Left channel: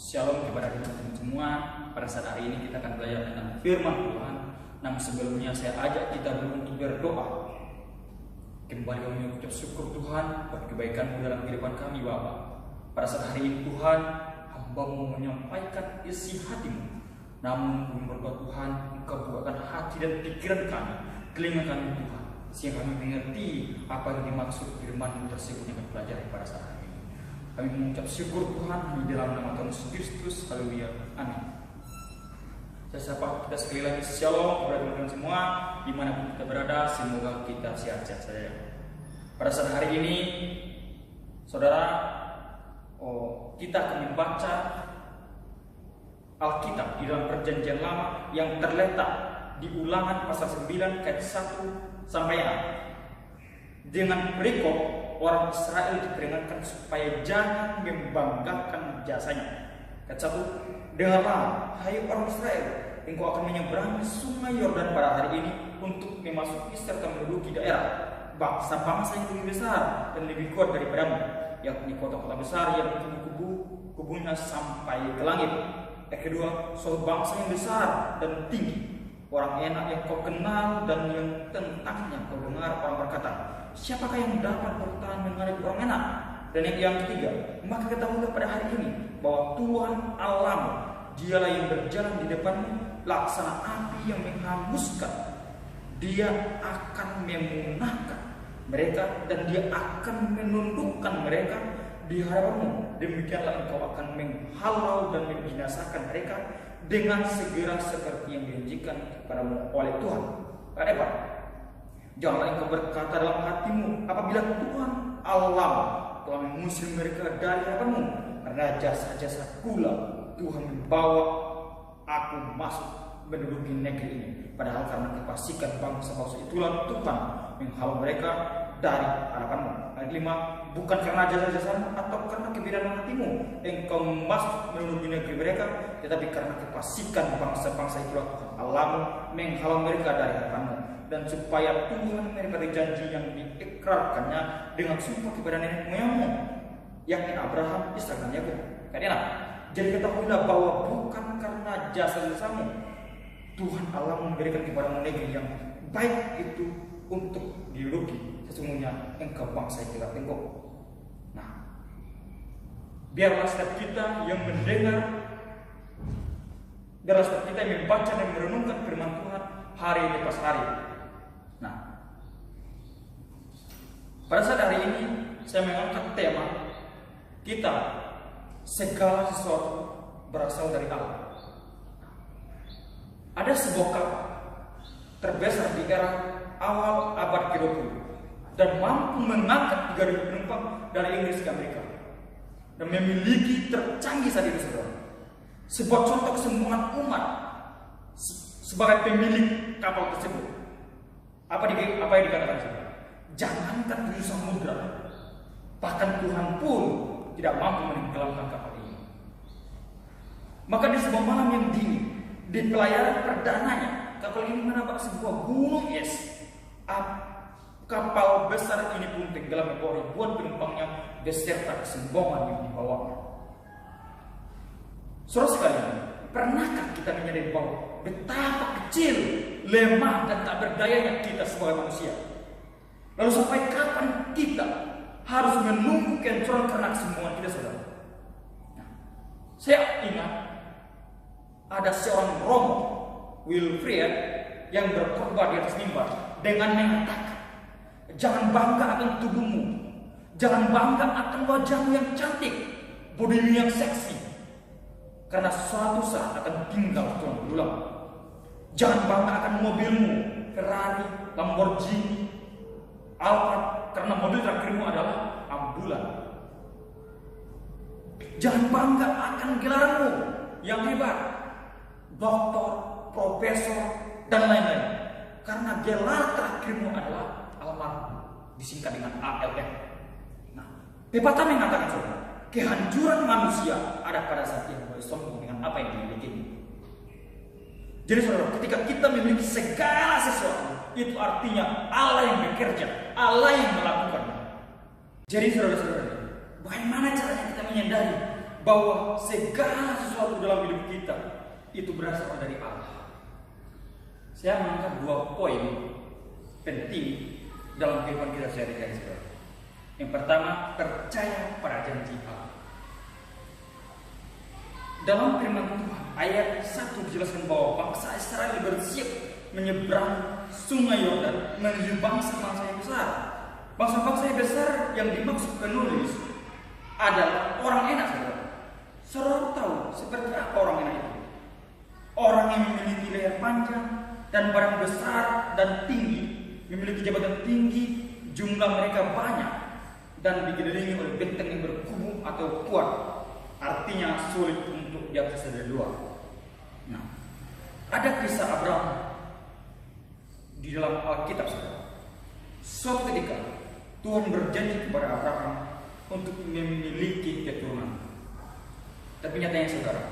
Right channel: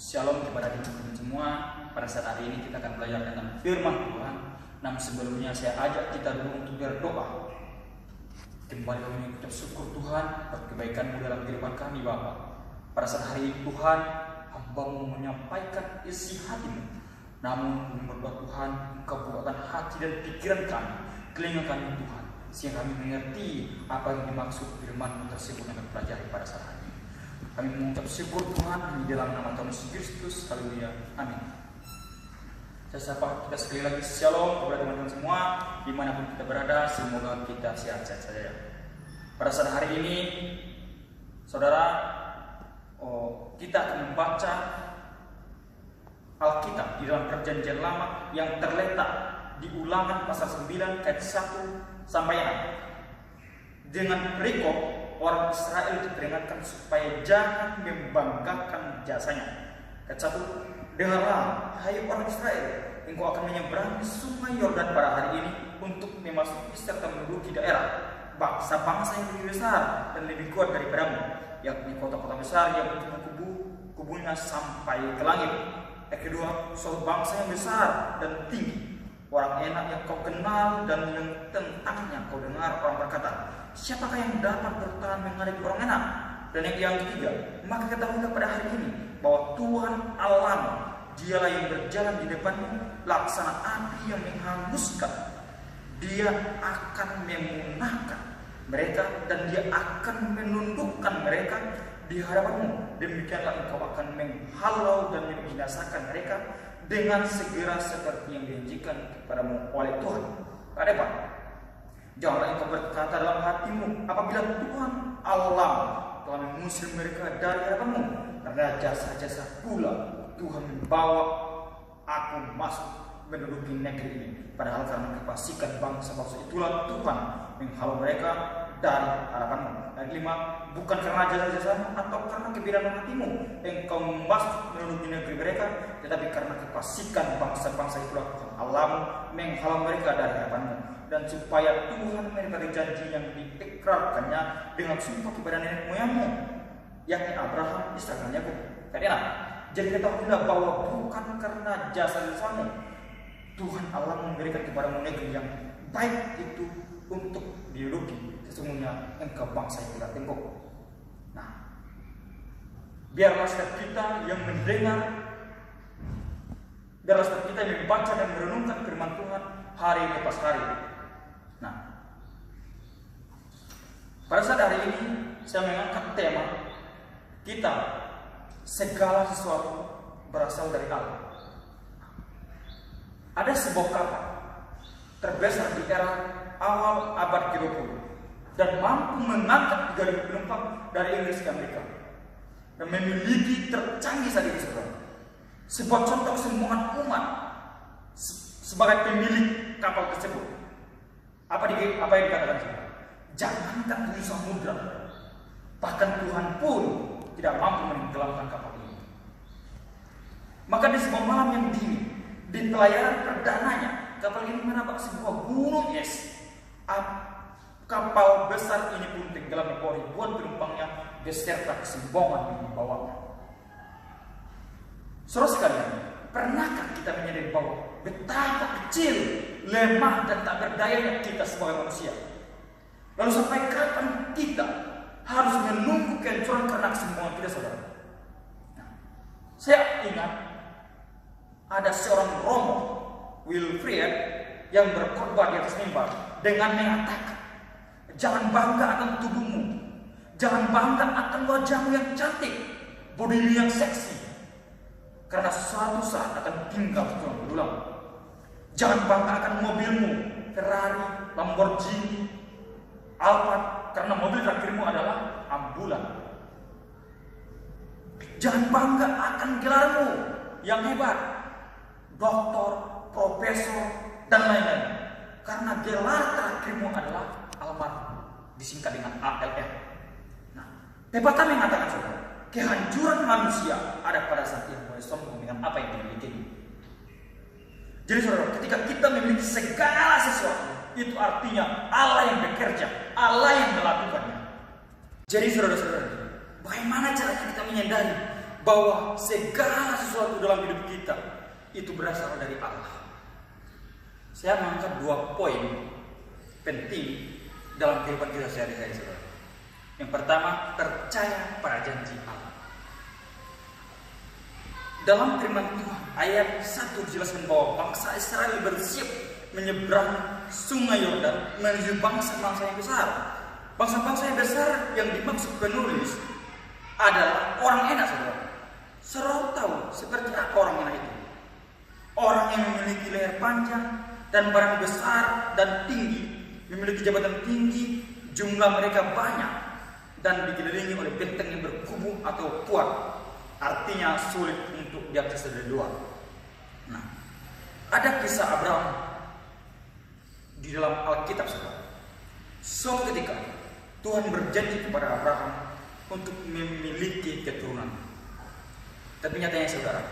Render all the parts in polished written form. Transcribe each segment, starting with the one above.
Shalom kepada teman-teman semua. Pada saat hari ini kita akan belajar tentang firman Tuhan. Namun sebelumnya saya ajak kita dulu untuk berdoa. Kembali kami mengucap syukur Tuhan atas kebaikan-Mu dalam kehidupan kami Bapa. Pada saat hari ini Tuhan, hamba-Mu menyampaikan isi hati-Mu. Namun kami berdoa Tuhan, Engkau bukakan hati dan pikiran kami, telinga kami Tuhan, sehingga kami mengerti apa yang dimaksud firman-Mu tersebut yang kami pelajari pada saat hari ini. Kami mengucap syukur Tuhan hanya dalam nama Tuhan Yesus Kristus. Haleluya. Amin. Saya sapa kita sekali lagi. Shalom kepada teman-teman semua dimanapun kita berada. Semoga kita sehat-sehat saja. Pada saat hari ini, saudara, kita akan membaca Alkitab di dalam Perjanjian Lama yang terletak di Ulangan pasal 9 ayat 1 sampai 6. Dengan perikop orang Israel diperingatkan supaya jangan membanggakan jasanya. Ayat 1, dengarlah, hai orang Israel, engkau akan menyeberangi sungai Yordan pada hari ini untuk memasuki serta menduduki daerah bangsa-bangsa yang lebih besar dan lebih kuat daripadamu, yakni kota-kota besar yang kubu-kubunya sampai ke langit. Yang kedua, suatu bangsa yang besar dan tinggi, orang enak yang kau kenal dan yang tentangnya kau dengar orang berkata, siapakah yang dapat bertahan menghadapi orang enak? Dan yang ketiga, maka ketahuilah pada hari ini bahwa Tuhan Allahmu, Dialah yang berjalan di depanmu, laksana api yang menghanguskan. Dia akan memunahkan mereka dan Dia akan menundukkan mereka di hadapanmu. Demikianlah engkau akan menghalau dan membinasakan mereka dengan segera seperti yang dijanjikan kepadamu oleh Tuhan. Ada apa? Janganlah engkau berkata dalam hatimu, apabila Tuhan Allah telah mengusir mereka dari hadapanmu, karena jasa-jasa pula Tuhan membawa aku masuk menduduki negeri ini. Padahal karena kefasikan bangsa-bangsa itulah Tuhan menghalau mereka dari hadapanmu. Ayat 5, bukan karena jasa-jasamu atau karena kebidanan hatimu engkau masuk menduduki negeri mereka, tetapi karena kefasikan bangsa-bangsa itulah Tuhan Allahmu menghalau mereka dari hadapanmu. Dan supaya Tuhan memberi janji yang diikrarkannya dengan sumpah kepada nenek moyangmu, yakni Abraham, Ishak dan Yakub. Karena jadi ketahuilah bahwa bukan karena jasa-jasamu Tuhan Allah memberikan kepadamu negeri yang baik itu untuk diduduki. Sesungguhnya engkau bangsa yang tidak tengkok. Nah, biarlah setiap kita yang mendengar, biarlah setiap kita yang membaca dan merenungkan firman Tuhan hari lepas hari. Nah, pada saat hari ini saya mengangkat tema kita, segala sesuatu berasal dari Allah. Ada sebuah kapal terbesar di era awal abad ke-20 dan mampu mengangkat 3.000 penumpang dari Inggris ke Amerika dan memiliki tercanggih saat ini, saudara. Sebuah contoh kesombongan umat sebagai pemilik kapal tersebut. Apa yang dikatakan saudara? Jangankan 7 samudra, bahkan Tuhan pun tidak mampu menenggelamkan kapal ini. Maka di sebuah malam yang dingin, di pelayaran perdananya, kapal ini menabrak sebuah gunung es. Kapal besar ini pun tenggelam membawa ribuan penumpangnya beserta kesombongan yang dibawanya. Saudara sekalian, pernahkah kita menyadari bahwa betapa kecil, lemah dan tak berdayanya kita sebagai manusia? Lalu sampai kapan kita harus menunggu kehancuran karena kesombongan kita, saudara? Nah, saya ingat ada seorang Romo, Wilfrid, yang berkhotbah di atas mimbar dengan mengatakan, jangan bangga akan tubuhmu, jangan bangga akan wajahmu yang cantik, bodimu yang seksi, karena suatu saat akan tinggal tulang belulang. Jangan bangga akan mobilmu, Ferrari, Lamborghini, Alphard, karena mobil terakhirmu adalah ambulan. Jangan bangga akan gelarmu yang hebat, doktor, profesor, dan lain-lain, karena gelar terakhirmu adalah almarhum, disingkat dengan ALM. Nah, pepatah mengatakan, saudara, kehancuran manusia ada pada saat ia mulai sombong dengan apa yang dimiliki. Jadi saudara, ketika kita memiliki segala sesuatu, itu artinya Allah yang bekerja, Allah yang melakukannya. Jadi saudara-saudara, bagaimana caranya kita menyadari bahwa segala sesuatu dalam hidup kita itu berasal dari Allah. Saya mengangkat 2 poin penting dalam kehidupan kita sehari-hari, saudara. Yang pertama, percaya pada janji Allah. Dalam firman Tuhan ayat 1 dijelaskan bahwa bangsa Israel bersiap menyeberang sungai Yordan menuju bangsa-bangsa yang besar. Bangsa-bangsa yang besar yang dimaksud penulis adalah orang enak, saudara. Saudara tahu seperti apa orang enak itu? Orang yang memiliki leher panjang dan badan besar dan tinggi, memiliki jabatan tinggi, jumlah mereka banyak, dan dikelilingi oleh benteng yang berkubu atau kuat, artinya sulit untuk diakses dari luar. Nah, ada kisah Abraham di dalam Alkitab, saudara. Suatu ketika Tuhan berjanji kepada Abraham untuk memiliki keturunan. Tapi nyatanya, saudara,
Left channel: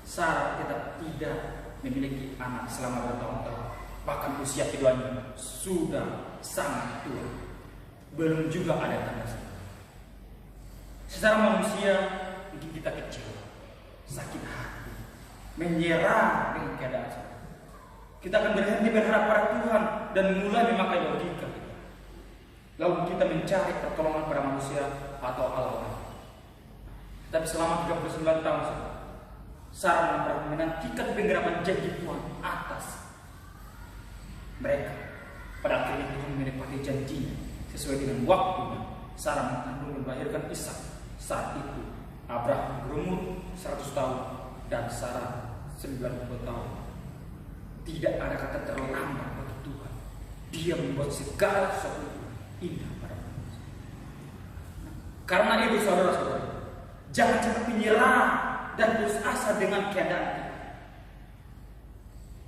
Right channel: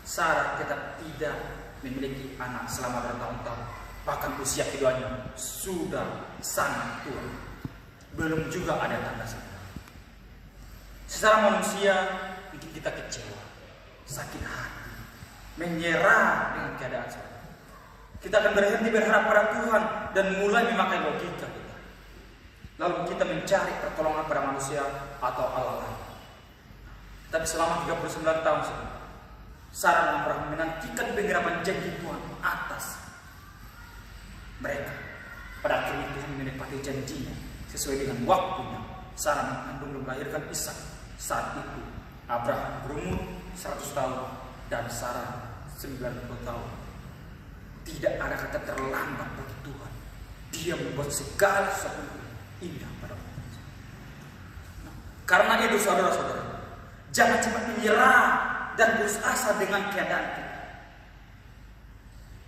Sarah tetap tidak memiliki anak selama bertahun-tahun. Bahkan usia keduanya sudah sangat tua. Belum juga ada tanda. Secara manusia mungkin kita kecewa, sakit hati, menyerah dengan keadaan saudara. Kita akan berhenti berharap pada Tuhan dan mulai memakai logika kita. Lalu kita mencari pertolongan pada manusia atau Allah lain. Tapi selama 39 tahun Sarah dan Abraham menantikan penggerapan janji Tuhan atas mereka. Pada akhirnya Tuhan menepati janjinya sesuai dengan waktunya. Sarah mengandung dan melahirkan Ishak. Saat itu Abraham berumur 100 tahun dan Sarah 90 tahun. Tidak ada kata terlambat bagi Tuhan. Dia membuat segala sesuatu indah pada manusia. Karena itu, saudara-saudara, jangan cepat menyerah dan putus asa dengan keadaan kita.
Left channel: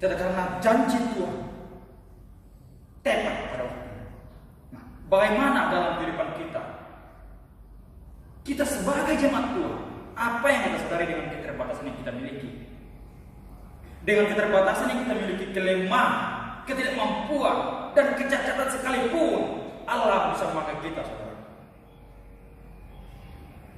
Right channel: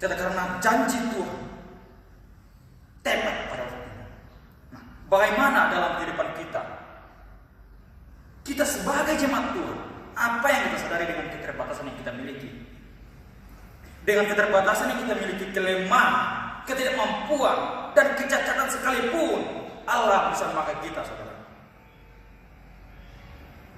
Tidak, karena janji Tuhan tepat pada waktunya. Nah, bagaimana dalam kehidupan kita? Kita sebagai jemaat Tuhan, apa yang kita sadari dengan keterbatasan yang kita miliki? Dengan keterbatasan yang kita miliki, kelemahan, ketidakmampuan, dan kecacatan sekalipun, Allah bisa memakai kita, saudara.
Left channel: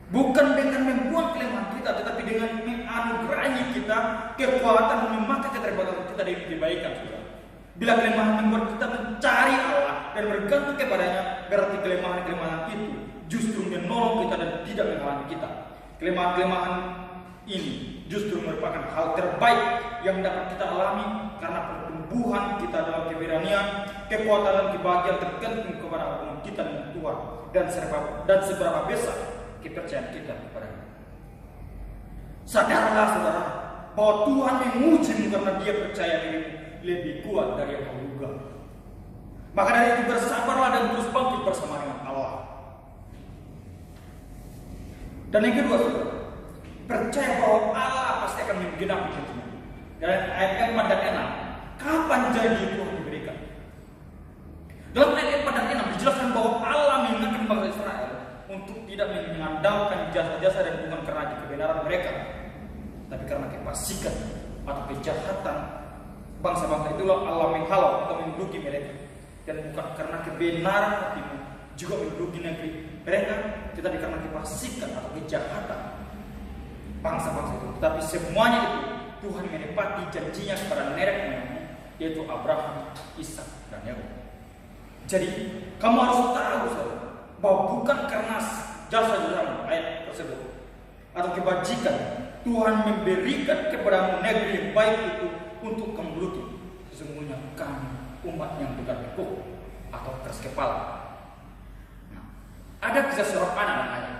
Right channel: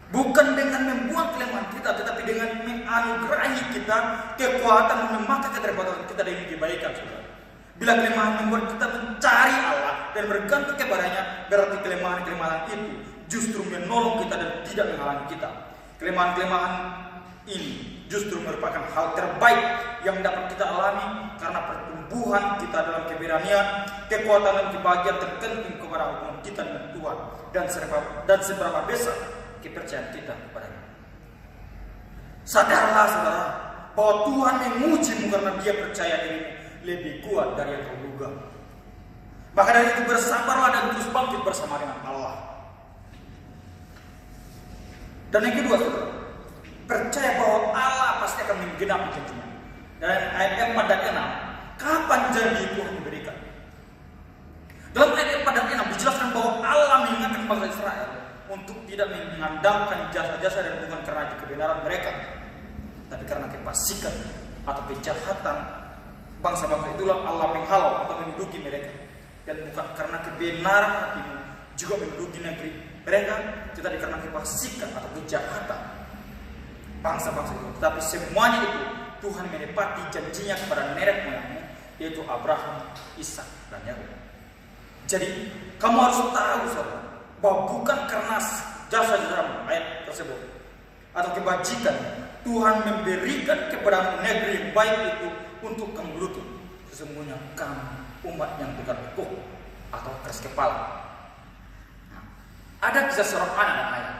Bukan dengan membuang kelemahan kita, tetapi dengan menganugerahi kita kekuatan memakai keterbatasan kita dengan kebaikan, saudara. Bila kelemahan membuat kita mencari Allah dan bergantung kepadanya, berarti kelemahan-kelemahan itu justru menolong kita dan tidak menghalangi kita. Kelemahan-kelemahan ini justru merupakan hal terbaik yang dapat kita alami karena pertumbuhan kita dalam keberanian, kekuatan dan kebahagiaan tergantung kepada hubungan kita dengan Tuhan dan seberapa besar kepercayaan kita kepadanya. Sadarlah, saudara, bahwa Tuhan mengujimu karena Dia percaya dirimu lebih kuat dari yang kau duga. Maka dari itu bersabarlah dan terus bangkit bersama dengan Allah. Dan yang kedua, saudara, percaya bahwa Allah pasti akan menggenapi janjinya. Dan ayat 4 dan 6, kapan janji Tuhan diberikan? Dalam ayat 4 dan 6 dijelaskan bahwa Allah mengingatkan bangsa Israel untuk tidak mengandalkan jasa-jasa dan bukan karena kebenaran mereka, tapi karena kefasikan atau kejahatan bangsa-bangsa itulah Allah menghalau atau menduduki mereka, dan bukan karena kebenaran hatimu juga menduduki negeri mereka, tetapi karena kefasikan atau kejahatan bangsa-bangsa itu. Tapi semuanya itu Tuhan menepati janjinya kepada nenek moyangmu, yaitu Abraham, Ishak, dan Yakub. Jadi kamu harus tahu, saudara, bahwa bukan karena jasa-jasamu ayat tersebut atau kebajikan Tuhan memberikan kepadamu negeri yang baik itu untuk kamu geluti. Sesungguhnya kamu umat yang bukan kekeh atau keras kepala. Nah, ada kisah seorang anak dan ayah.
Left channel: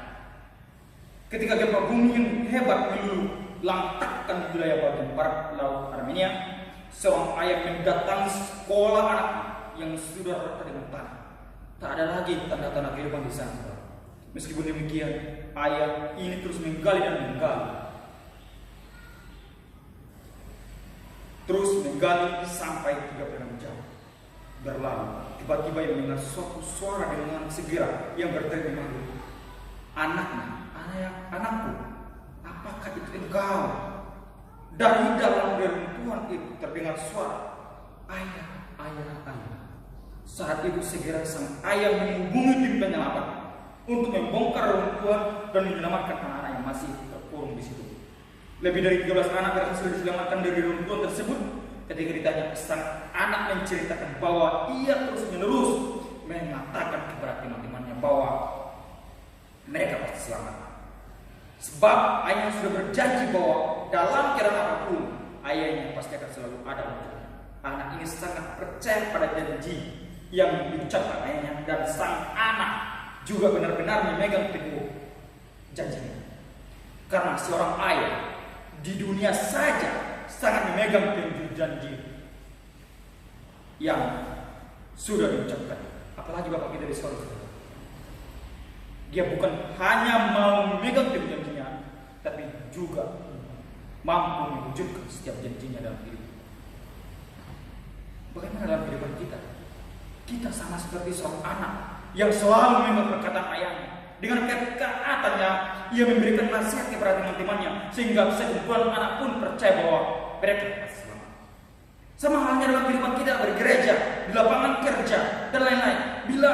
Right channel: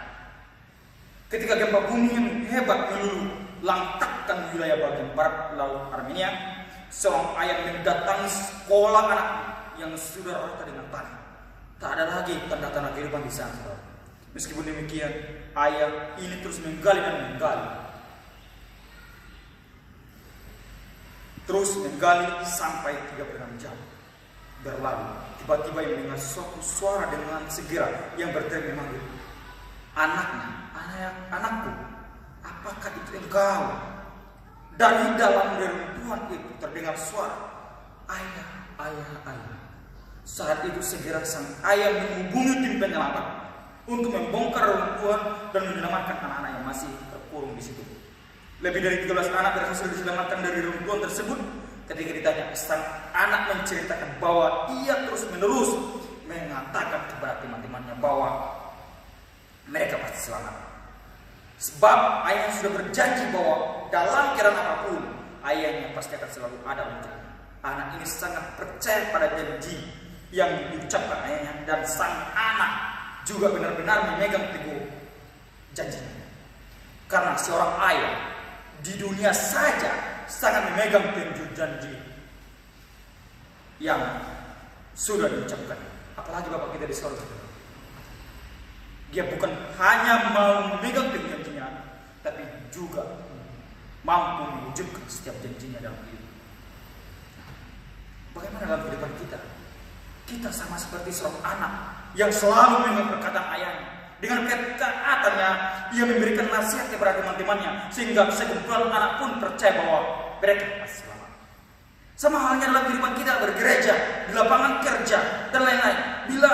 Ketika gempa bumi yang hebat meluluh lantakkan wilayah bagian barat laut Armenia, seorang ayah mendatangi sekolah anaknya yang sudah rata dengan tanah. Tak ada lagi tanda-tanda kehidupan di sana. Meskipun demikian, ayah ini terus menggali dan menggali. Terus menggali sampai 36 jam berlalu. Tiba-tiba ia mendengar suatu suara dengan segera yang berteriak memanggil, anakku, apakah itu engkau? Dari dalam reruntuhan itu terdengar suara, ayah. Saat itu segera sang ayah menghubungi tim penyelamat untuk membongkar reruntuhan dan menyelamatkan anak-anak yang masih terkurung berbohong di situ. Lebih dari 13 anak berhasil diselamatkan dari runtuhan tersebut. Ketika ditanya, sang anak menceritakan bahwa ia terus-menerus mengatakan kepada teman-temannya bahwa mereka pasti selamat. Sebab ayahnya sudah berjanji bahwa dalam keadaan apapun, ayahnya pasti akan selalu ada untuknya. Anak ini sangat percaya pada janji yang diucapkan ayahnya, dan sang anak juga benar-benar memegang teguh janjinya. Karena seorang ayah di dunia saja sangat memegang teguh janji yang sudah diucapkan. Apalagi Bapak kita di sorga. Dia bukan hanya mau memegang teguh janjinya, tapi juga mampu mewujudkan setiap janjinya dalam hidup. Bagaimana dalam kehidupan kita? Kita sama seperti seorang anak yang selalu memegang perkataan ayahnya. Dengan ketaatannya, ia memberikan nasihat kepada teman-temannya, sehingga sekumpulan anak pun percaya bahwa mereka pasti selamat. Sama halnya dalam kehidupan kita bergereja, di lapangan kerja, dan lain-lain. Bila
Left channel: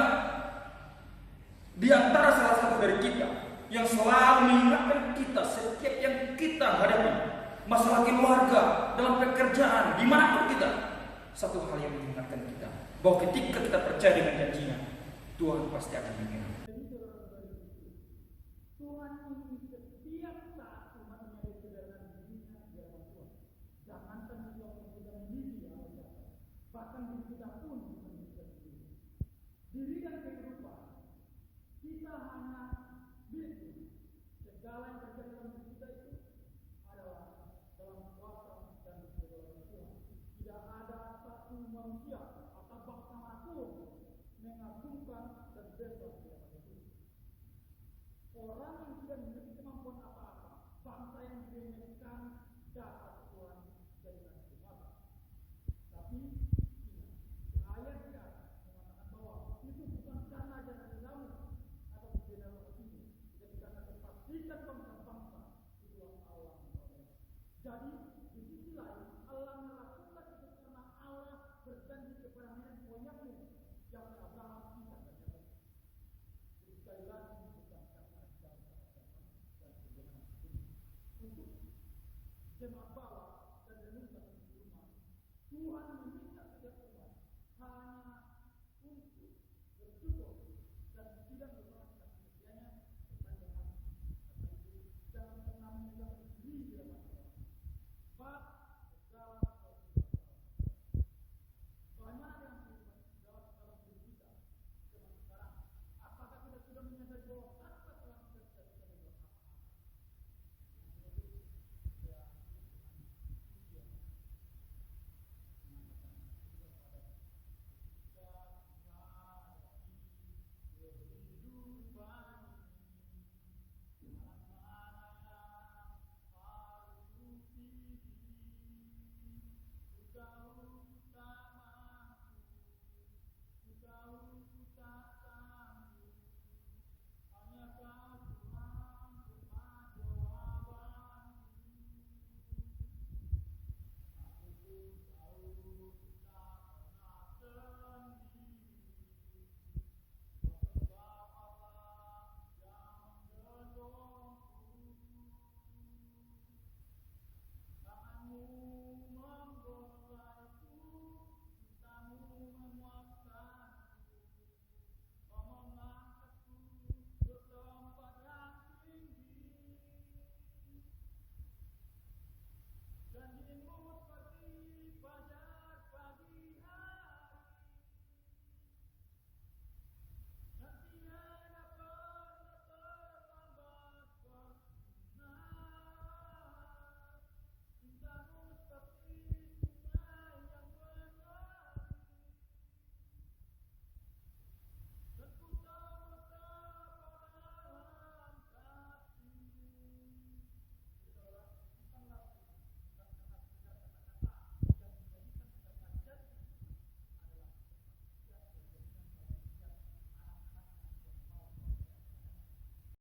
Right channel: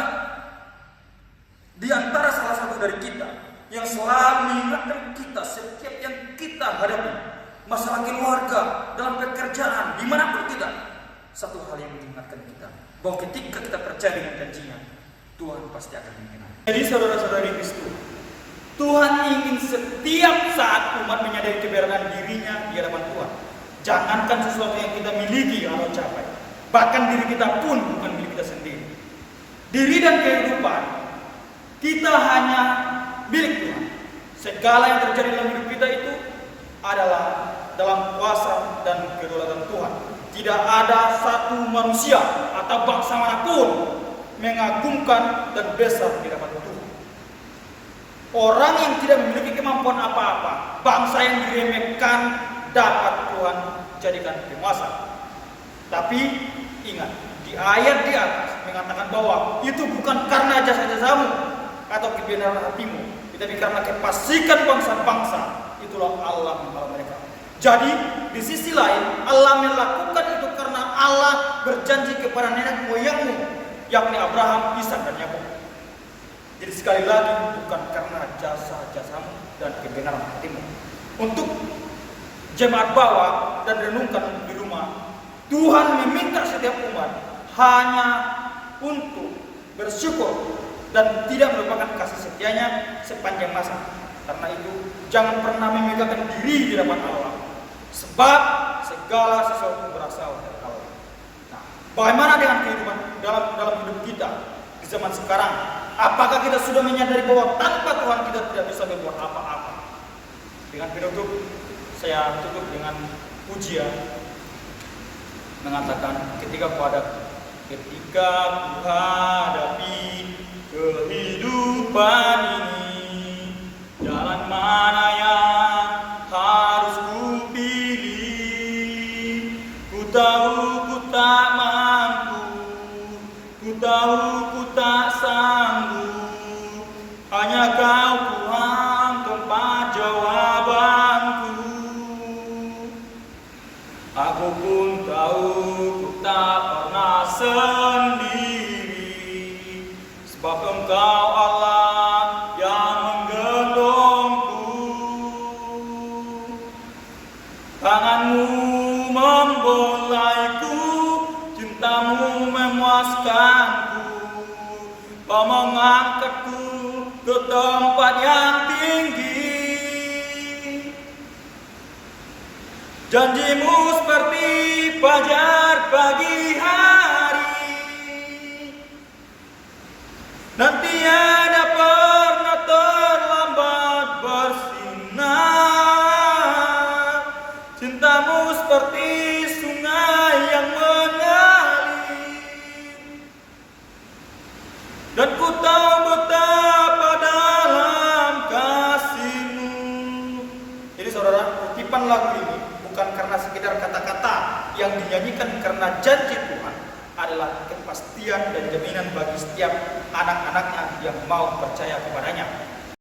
di antara salah satu dari kita yang selalu mengingatkan kita setiap yang kita hadapi, masalah keluarga, dalam pekerjaan, dimanapun kita, satu hal yang mengingatkan kita bahwa ketika kita percaya dengan janjinya, Tuhan pasti akan mengenal. Jadi saudara-saudari Kristus, Tuhan ingin setiap saat umat menyadari keberadaan dirinya di hadapan Tuhan. Jangankan sesuatu yang kita miliki atau capai, bahkan diri kita pun bukan milik kita sendiri. Diri dan kehidupan kita hanya milik Tuhan. Segala yang terjadi dalam hidup kita itu adalah dalam kuasa dan kedaulatan Tuhan. Tidak ada satu manusia atau bangsa manapun mengagumkan dan besar di hadapan Tuhan. Orang yang tidak memiliki kemampuan apa-apa, bangsa yang diremehkan, dapat Tuhan jadikan penguasa. Tapi ingat, di ayat di atas mengatakan bahwa itu bukan karena jasa-jasamu atau kebenaran hatimu, tapi karena kefasikan bangsa-bangsa, itulah Allah menolong mereka. Jadi di sisi lain, Allah melakukan itu karena Allah berjanji kepada nenek moyangmu, yakni Abraham, Ishak, dan Yakub. Jadi sekali lagi, bukan karena jasa-jasamu dan kebenaran hatimu. Untuk jemaat bawah dan renungkan di rumah, Tuhan meminta setiap umat hanya untuk bersyukur dan tidak melupakan kasih setianya sepanjang masa. Karena itu, jangan pernah memegahkan diri di hadapan Allah, sebab segala sesuatu berasal dari Allah. Nah, bagaimana dengan kehidupan dalam hidup kita di zaman sekarang? Apakah kita sudah menyadari bahwa tanpa Tuhan kita tidak bisa berbuat apa-apa? Dengan penutup, saya tutup dengan pujian mengatakan, ketika ku hadapi kehidupan ini, jalan mana yang harus ku pilih? Ku tahu ku tak mampu, ku tahu ku tak sanggup, hanya Kau Tuhan tempat jawabanku. Aku pun tahu ku tak pernah sendiri, sebab Engkau Allah yang menggendongku. Tanganmu membolaiku, cintamu memuaskanku, Kau mengangkatku ke tempat yang tinggi. Janjimu seperti fajar pagi hari, dan tiada pernah terlambat bersinar. Cintamu seperti sungai yang mengalir, dan ku tahu betapa dalam kasih-Mu. Jadi saudara, kutipan lagu ini bukan karena sekedar kata-kata yang dinyanyikan, karena janji Tuhan adalah kepastian dan jaminan bagi setiap anak-anaknya yang mau percaya kepadanya.